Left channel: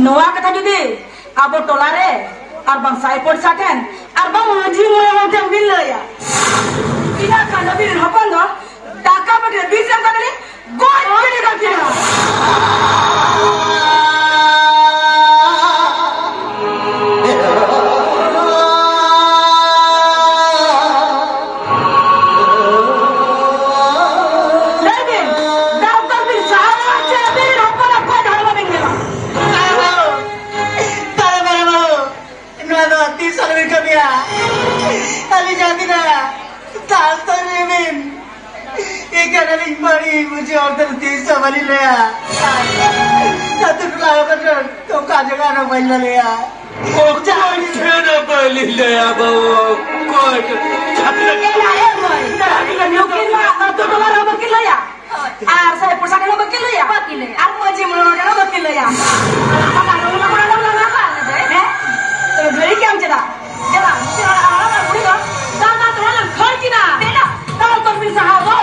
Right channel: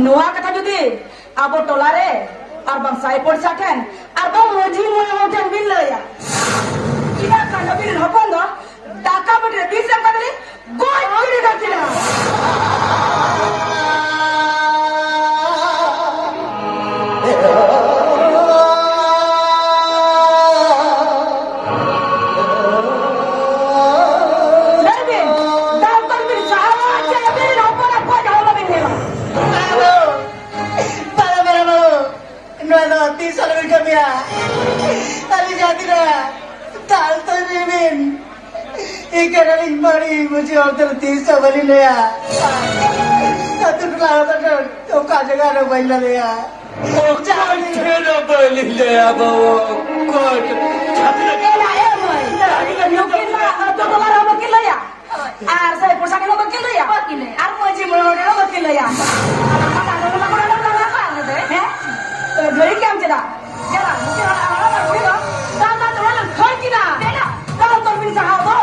Noa kata judi, abo tolare, arbang sai porsaken, arbang muji muda bila ya. Ina kana bila hapon do, taka bagre bisa kadale, goi goi dekatnya. मुझे उधर देश वाली लिया तब लाया butter तो काजे का ना बन लिया वो चावल खेना बन लिया बाबू कोट छपले केला है मोय नुकिन मा तो डॉलर हम के लिया आर से पोशाक हम के लिया आर मुझे मोड़े हम के लिया हैं तो घरी क्या हम चला चला ना तो हम घर की ना बेटा तो मिल सहा दो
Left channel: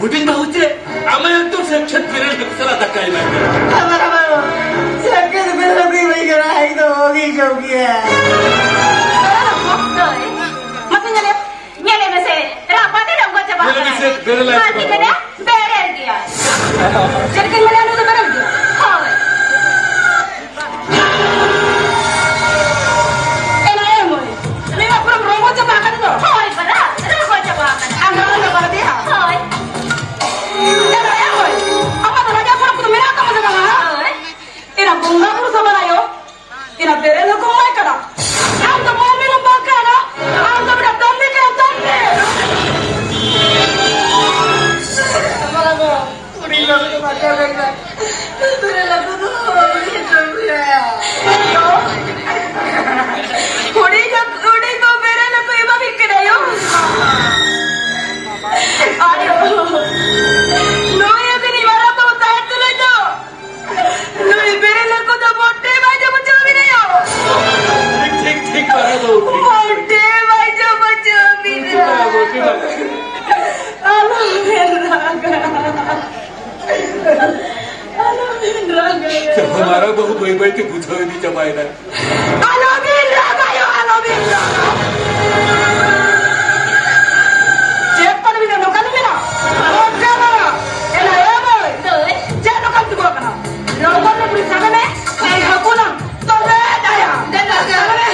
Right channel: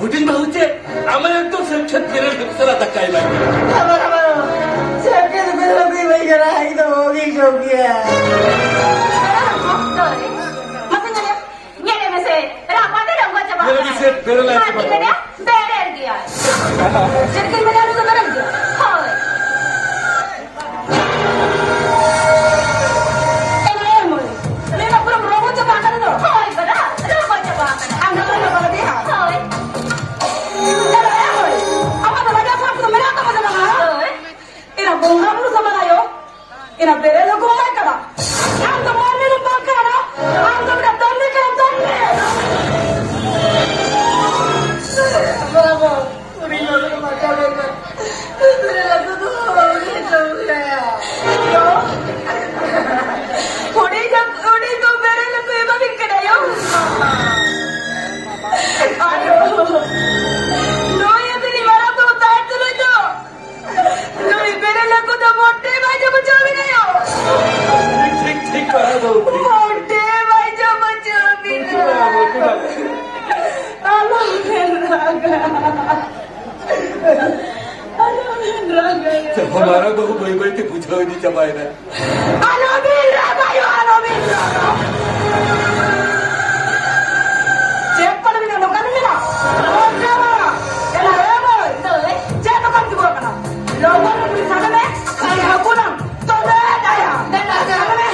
बुटीन भाऊचे आम्हाला तो सेक्शन फिरेल सर आता काय नाही Nanti kena berer dia. Jadi kena itu berer dia. Hai. Emang mulai. Memang belum robot jebakan tu. Hai, benar. Robot jebakan. Ambil robot dia. Hai. Emang mulai. Apa tu lagi apa tu mereka macam mana? Hai. Ina bunga pun sama ayo. Ina berer lu kau mai kena. Aku mau minum makan. Aku berdatang ni kena tanya. हमारा तो कोई कोई तो कुछ हो नहीं चपाए ना Cek pada mina lokan mina. Oke mana? Ela ya boy. Cek lokan tu bukan. Lokan tu beri sana me. Kau aku nam. Tolong daya. Dan sana me.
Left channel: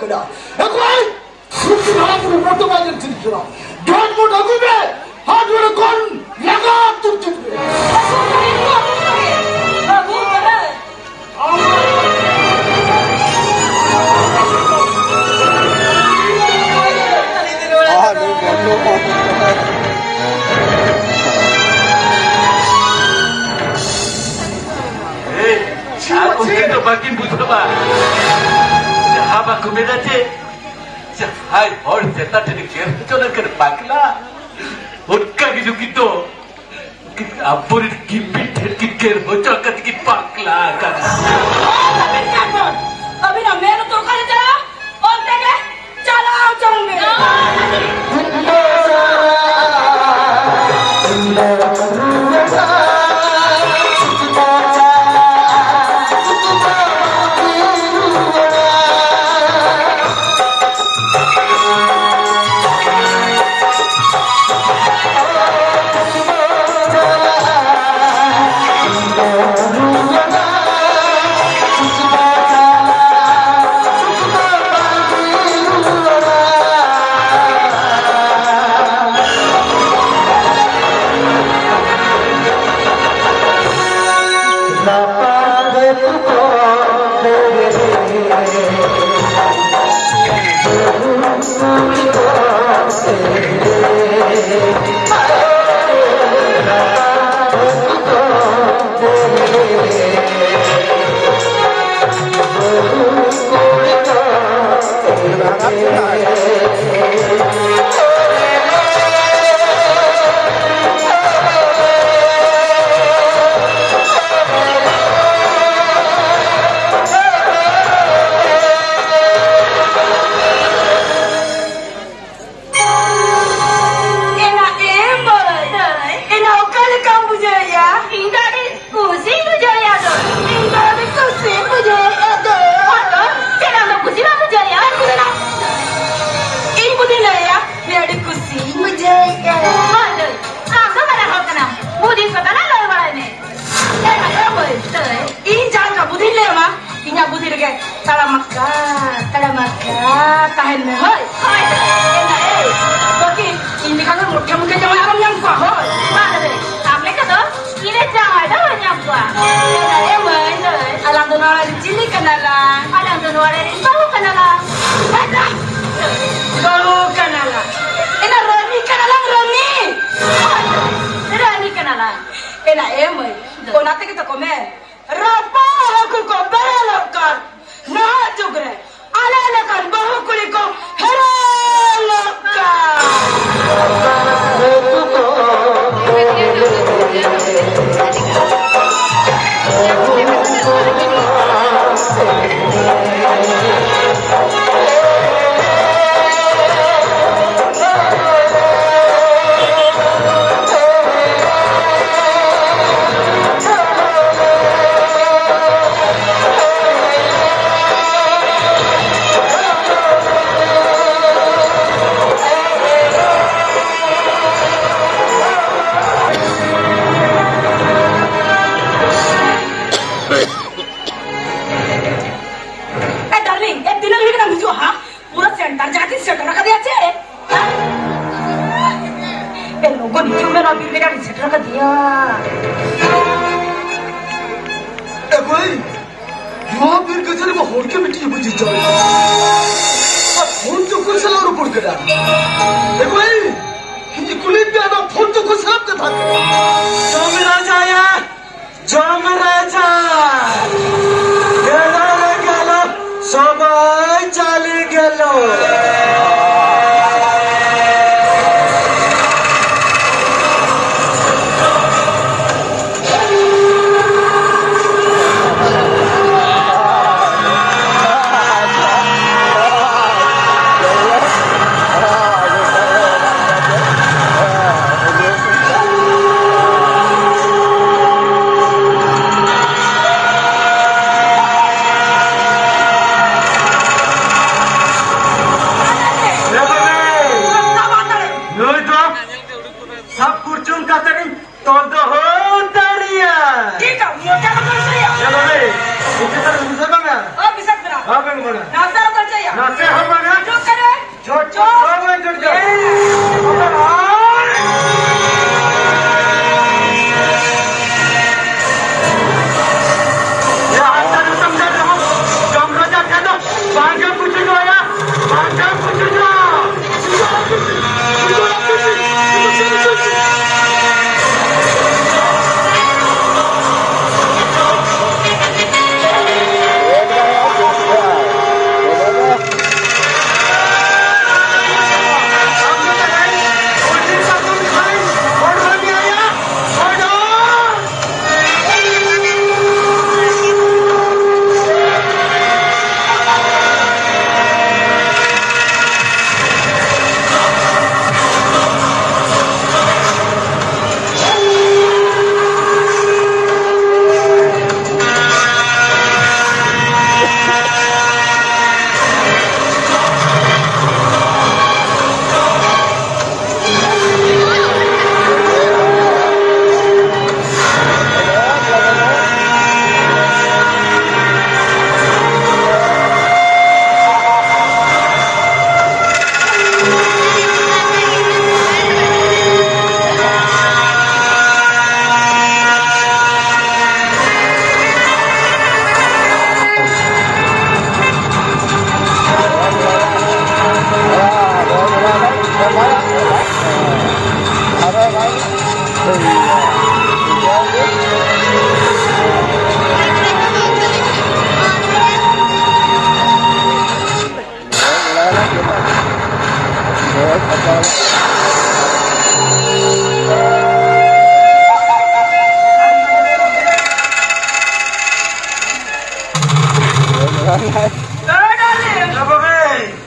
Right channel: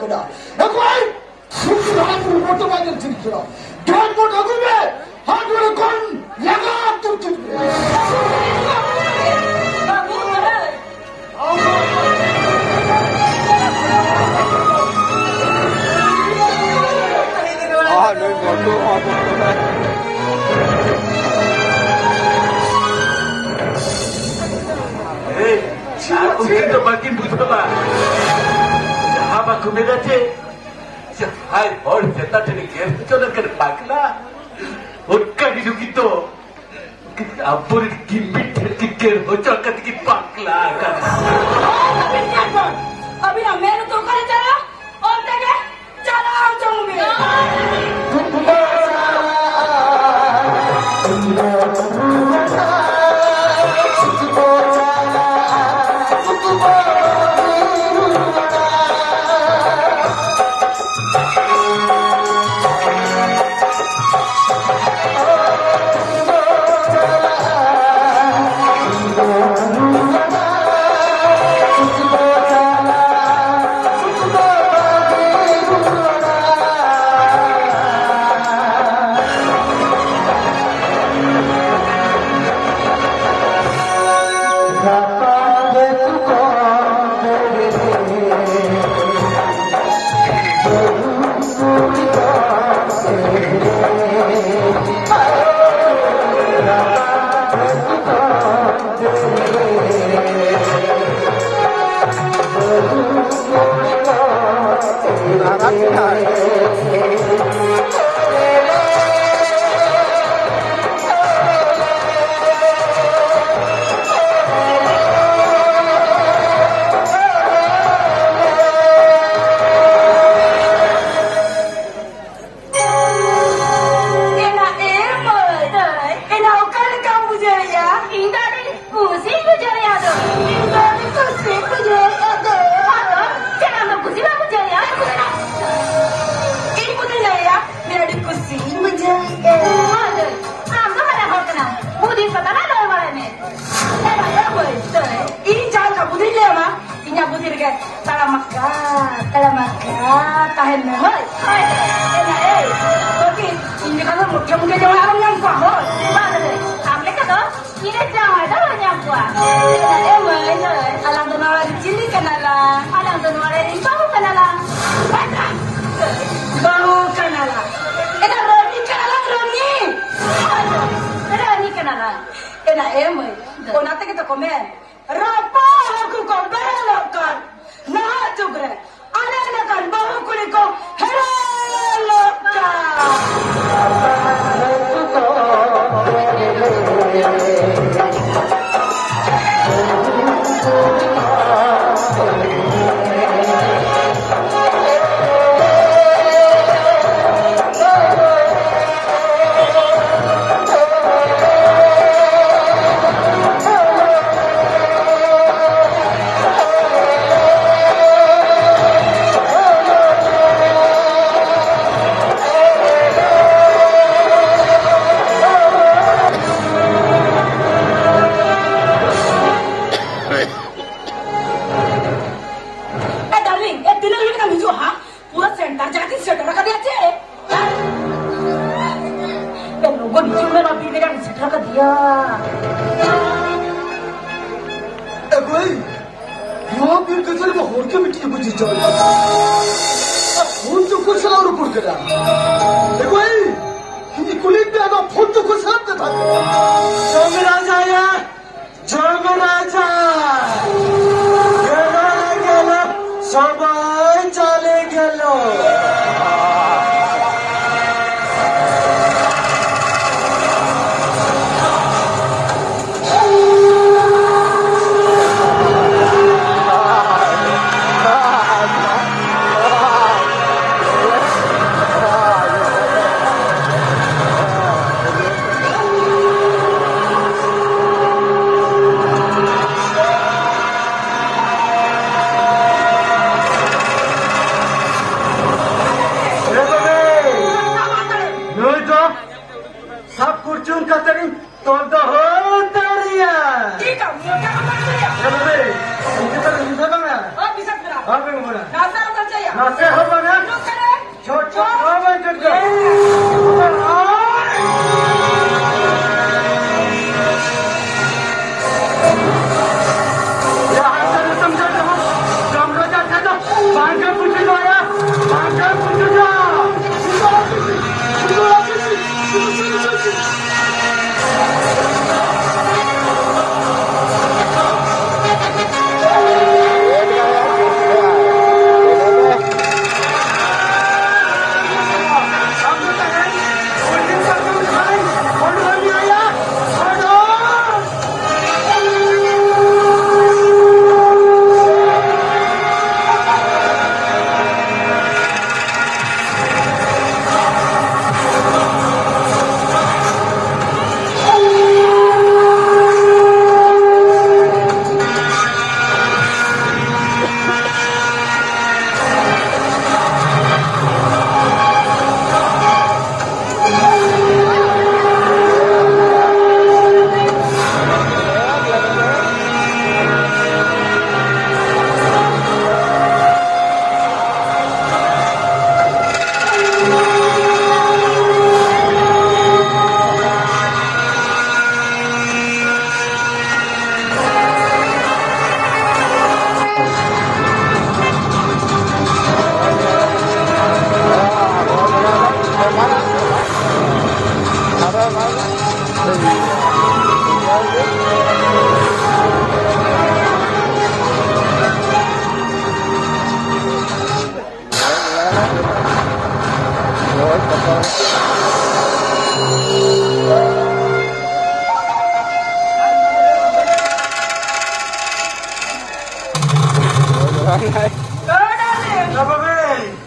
kena. Ekoi, suci malam berfoto banyak cerita. Dan mau aku be, hadu rekon yang tu cerita. Aku kita bagi buta ba. Jahab aku beda je. Hai, orang cerita jadi kira macam nak pakla. Hotka gitu gitu. Apur kipit kikir macam kata kipit pakla kan. अभी ना मेरे तो कर चला और तेरे चला जाऊंगे Nasi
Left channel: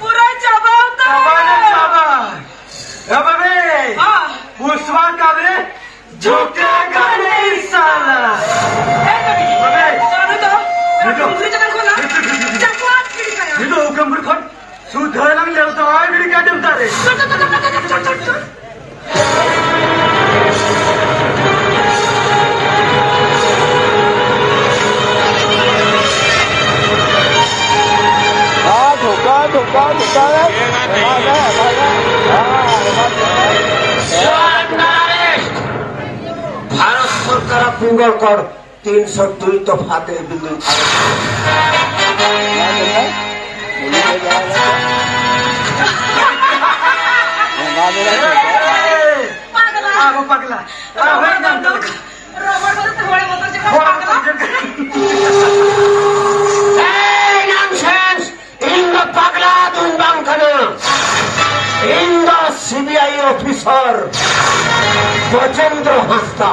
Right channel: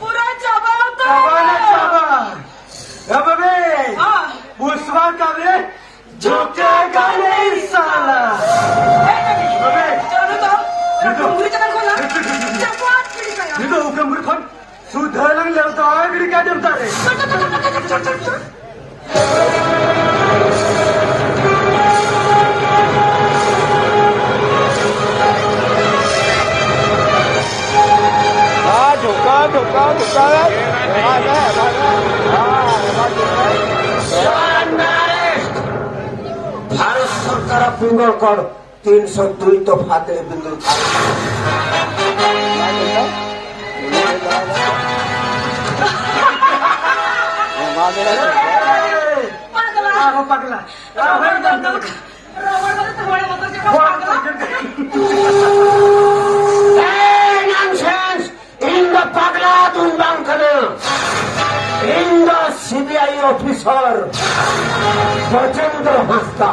पूरा जवाब तो पुष्पा कबरे झुकेगा नहीं साला। सुधर ले तो आगे क्या जमता है। धोखा भारत सरकार पूंगर कर 302 तो फाते बिंदु in the CBI officer Gajendra Hasta.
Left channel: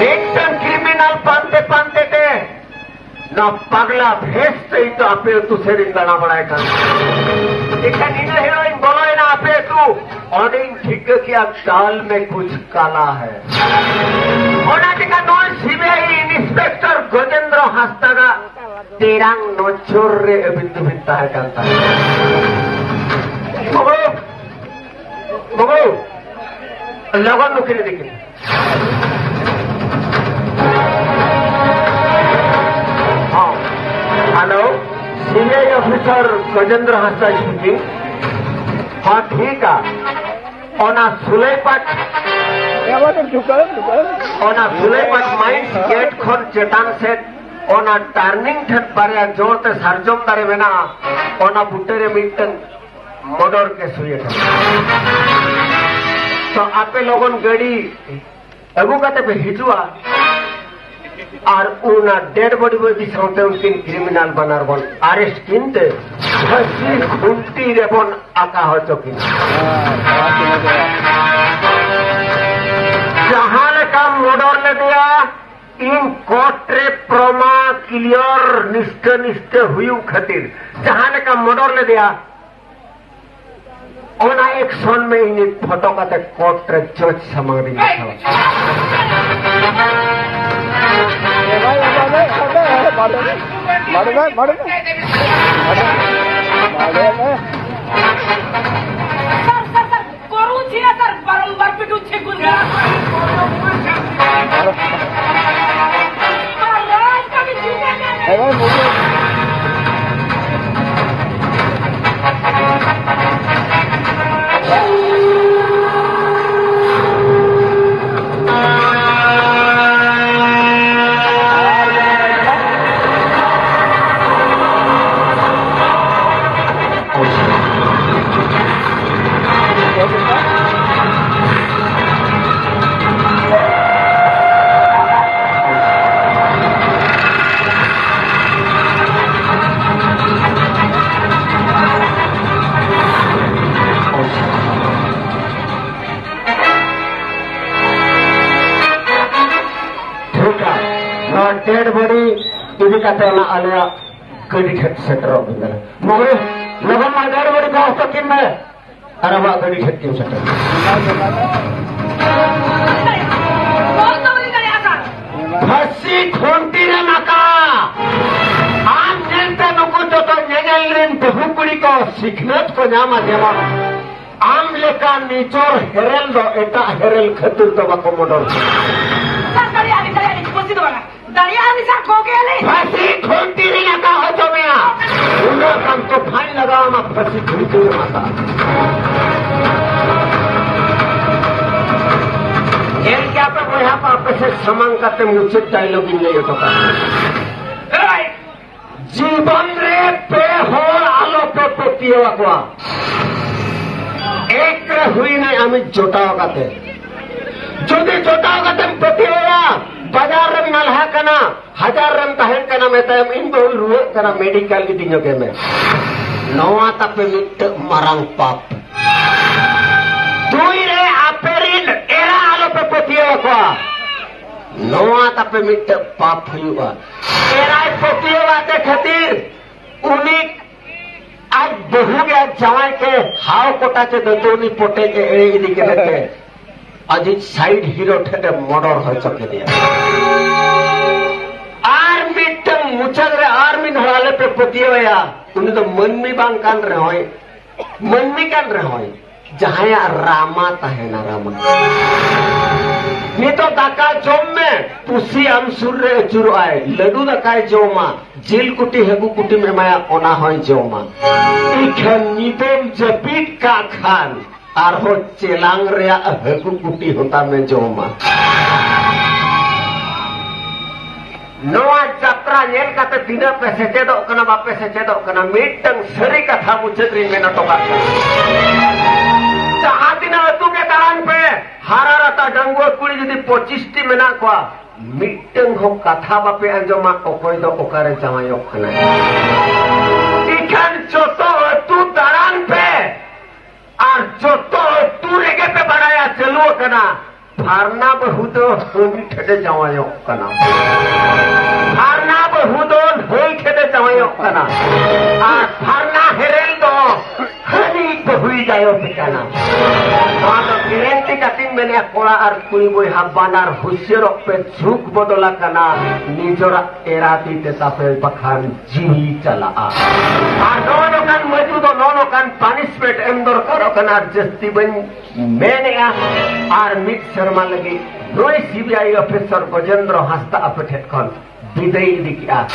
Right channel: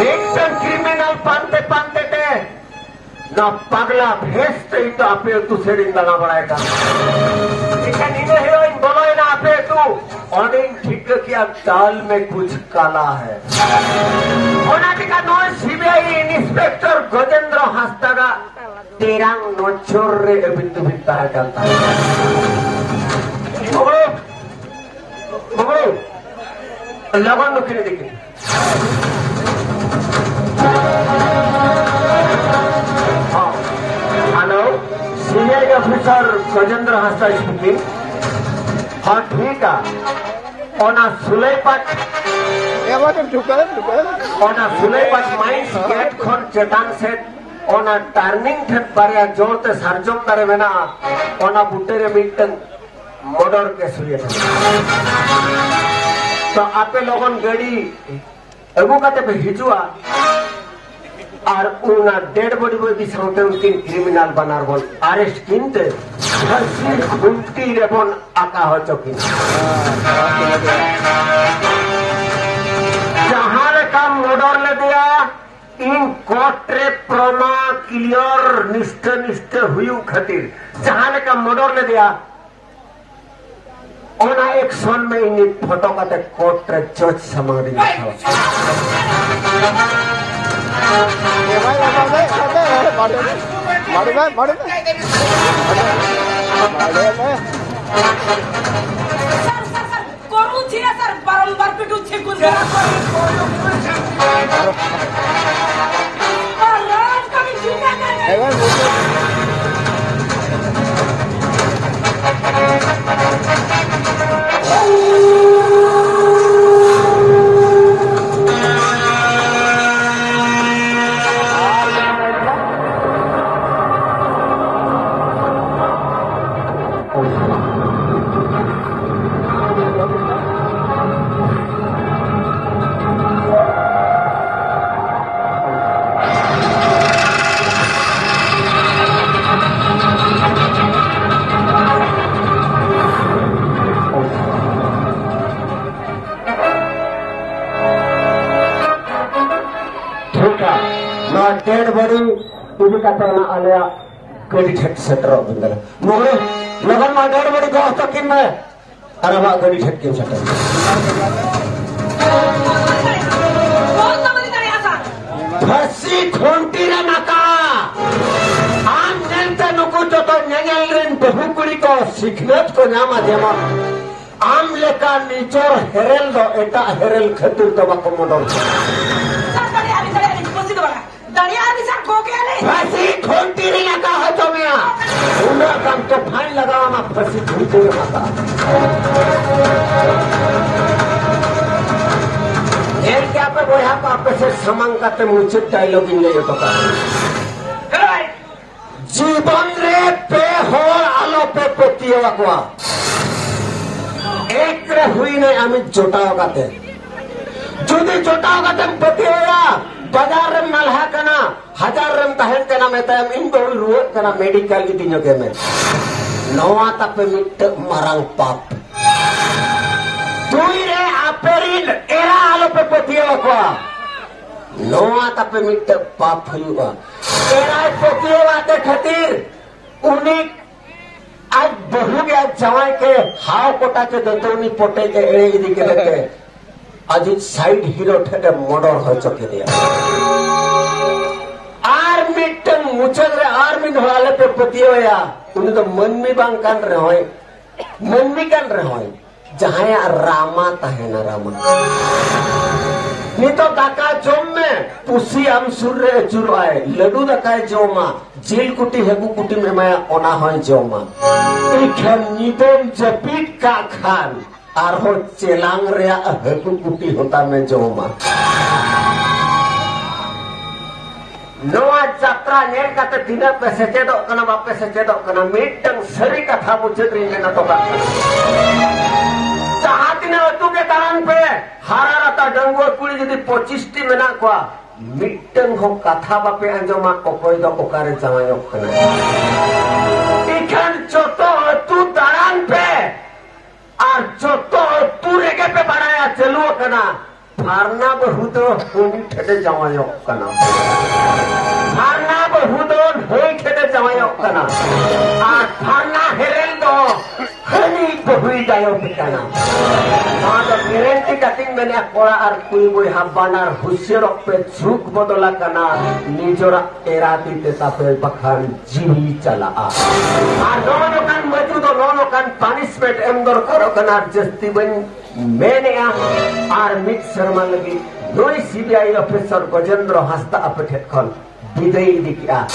Victim criminal panते थे ना पगला भेजते ही तो आपे तू सेविंग करना पड़ेगा। लेकिन इन्हें हीरोइन बोलो ना आपे तू और इन ठीक किया दाल में कुछ काला है। और का नॉन सीबीआई इंस्पेक्टर गजेंद्र हस्ता का तेरा नोचोर रे बिंदु बिंता है करता है। लगन नुकरी देखिए। हेलो सीबीआई ऑफिसर गजेंद्र हस्ता स्पीकिंग। हाँ ठीक है। और ना सुलेपट माइंस गेट खोल चेतान से और ना टर्निंग ठेट पर जोड़ते सरजम करे में ना और ना बुटेरे मिटन मर्डर के सुये। तो आपे लोगों गड़ी एगो कहते पे हिजुआ और उना डेड बॉडी में भी साउंटे उनकी क्रिमिनल बनार बन अरेस्ट किंते घूमती रे बन आका हो चुकी। जहाँ ले का मर्डर ले दिया इन कोर्ट रे प्रमा क्लियर निष्ठ हुई खातिर जहाँ ले का मर्डर ले दिया ओना एक सोन में इन फोटो का कोर्ट रे जज समाधि सर बारंबार पिटू छे डेड बॉडी इधर का तेरा आलिया कड़ी ठेठ सेटर हो गया। मुझे लगन ना डेड बॉडी तो अब किन में अरे वाह कड़ी ठेठ किन सेटर। हसी ठोंटी रे मका आम जनता नुको तो नेगल रेन बहुकुड़ी को सिखनेत को नामा जेवा आम लेका नीचोर हेरेल दो एटा हेरेल खतुर तो बाको मोडल। फांसी ठोंटी नहीं लगा हो तो मैं उन्होंने कम तो फाइन लगाओ मैं फांसी ठोंटी नहीं माता ये क्या पे वो यहाँ पर आपके से समान करते मुझे डायलॉग इन नहीं होता जीवन रे पतिया को एक हुई नहीं आमी जोटाव काते जुदी जोटाव काते पतिया बाजार रम नलहा कना हजार रम तहन कना मेताम इन बहु रुआ कना मेडिकल की तीनों के में नवा तापे मिट मारांग पाप तुई रे आपेरिन एरा आलो पे पतिया को नवा तापे मिट पाप हुआ एरा पतिया आते खातिर उन्हीं आज बहु गया जवाई के हाव कोटा के दतोनी पोटे के एड़े इदी के लेते आज साइड हीरो ठेके मर्डर हो चुके दिया आर्मी टंग मुचल रे आर्मी धड़ाले पे पतिया उन्हें तो मन में बांग कर रहे होए मन में कर रहे होए जहाँ रामा तहे ना रामा नहीं तो दाका जोम में पुसी हम सूर्य चुर आए लडू दाकाय जोमा जेल कुटी हेगु कुटी में माया ओना होय जोमा इखन नितोम जपीट का खान आरो चेलांग रे हेगु कुटी होता में जोमा नवा यात्रा नेल काते तीना पे सेचेदो कना बापे सेचेदो कना मिटंग सरी कथा मुचेत्री में न तो बात जहाँ तीना अतु के दान पे हारा रता डंगो कुड़ी जदी 25 मेना को मिटंग हो कथा बापे अंजमा ओकोय दो ओकारे जमायो कना इखन चोतो अतु दान पे और चोतो अतु रेगे पे बनाया चलो कना फारना बहुत होई ठेडे जमायो कना फारना बहुत होई ठेडे जमायो कना आ फारना हेरेल दो खनी बहुई जायो पिकाना तो गेरेंटी काटिंग मैंने कोड़ा और कुई बुई हब्बानार हुस्सेर पे झुक बदला कना निजोरा एराती तेता पे बखान जी चला आ दोनों कान मौजूद हो दोनों कान पनिशमेंट एंदर करो कना जस्ती बन मैंने आर मिट शर्मा लगी नोई सीबीआई ऑफिसर गजेंद्र हस्ता अपठेट खन विदई दिकिया